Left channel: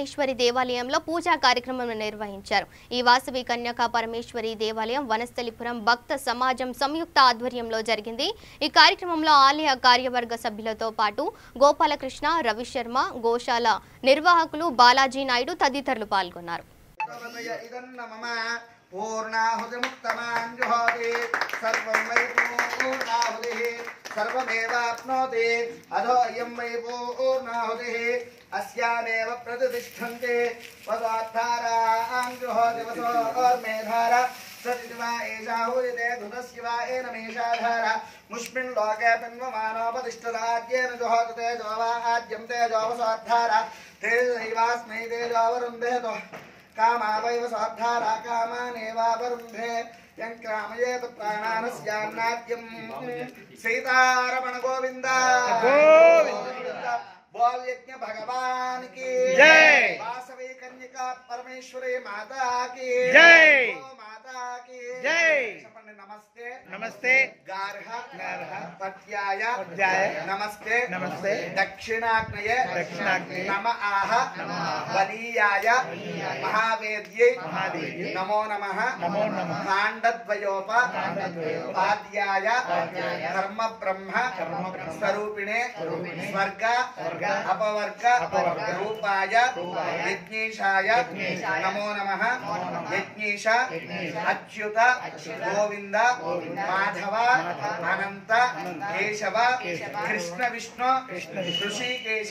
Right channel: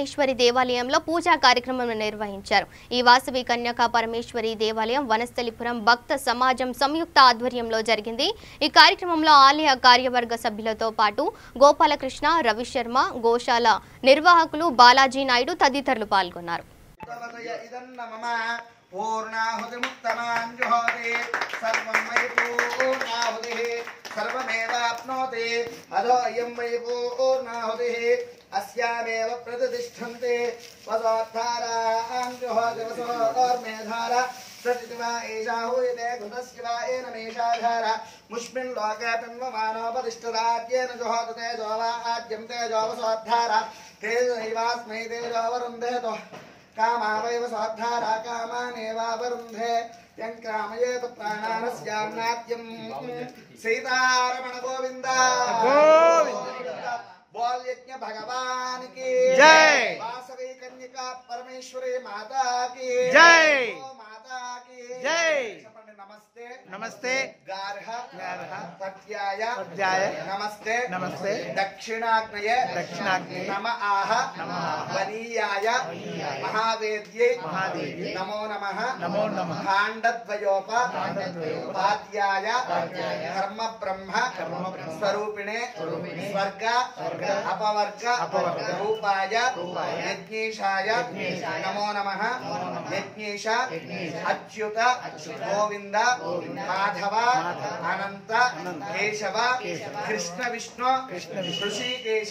పరమేశ్వరి దేవాలయంలో పూజా కార్యక్రమం నిర్వహించారు. ఈ వాసవి కన్యకా పరమేశ్వరి దేవాలయం వనస్థలిపురం భక్త సమాజం సంయుక్త ఆధ్వర్యంలో జరిగింది. ఈ కార్యక్రమంలో ఆలయ కార్యవర్గ సభ్యులతో పాటు గోపాలకృష్ణ, రవిశర్మ, గోశాల నిర్వాహకులు బాలాజీ నాయుడు తదితరులు పాల్గొన్నారు. पूर्णाहुतिमुक्तमाञ्जुहोति सर्वं वै पूर्णाहुतिः सर्वमेवाप्नोति अधोऽयं वै पूर्णाहुतिः अस्यामेव प्रतिष्ठन्ते वसोद्धाराञ्जुहोति वसोर्मेधार सतिवा एषा हूयते घृतस्य वा एनमेषाधार मुष्मिन् लोके पिन्वमानोपतिष्ठदाद्येन जुहोति तेजो वा आद्यं तेजो वसोद्धार तेजैवास्मै तेजोवरुन्धेतो कामावैव सोद्धारा कामानेवावरुन्धे यं कामयेत प्राणानस्यान्नाद्यं सीतारमण गोविन्द बोल यज्ञ भगवान की जय। वासवी कन्यका परमेश्वरी माता की जय। माता की जय। नमस्ते नमस्ते गार्ह गार्ह पत्याय पत्याय नमस्ते नमस्ते दक्षिणाग्नये दक्षिणाग्नये नम आह बलीयाय महावेद्यै महादेव्यै नमो नमः नमो नमः पाण्डद्वयोपाध्याय धर्म ब्रह्म स्वरूपिणे स्वर्ग अपवर्ग रूपाय यज्ञेशाय नमो नमः यज्ञेश अच्युत गोविंद माधव अनंत केशव कृष्ण विष्णु ऋषिकेश